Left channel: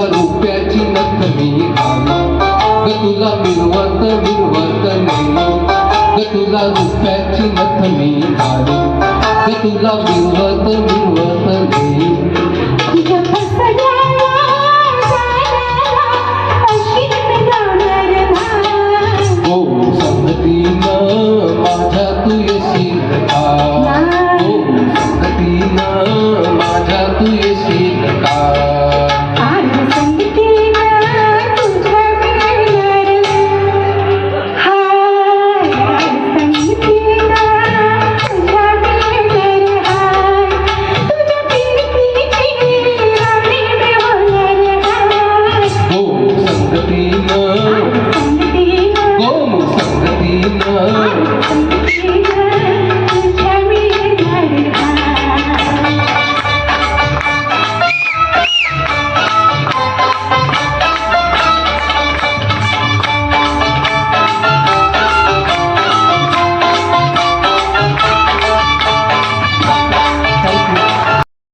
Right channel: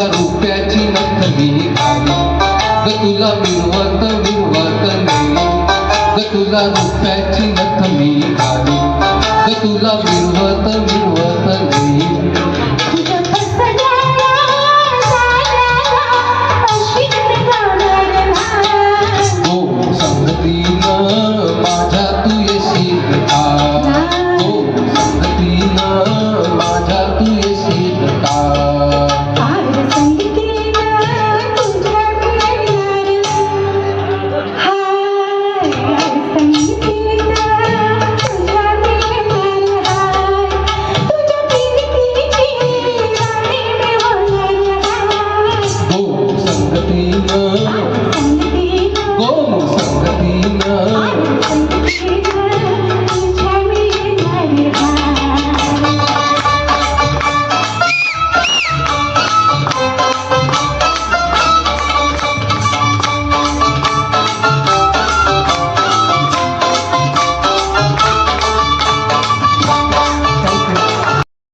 तुला रुपयाची नथ मी घाली तुला मिळवत मी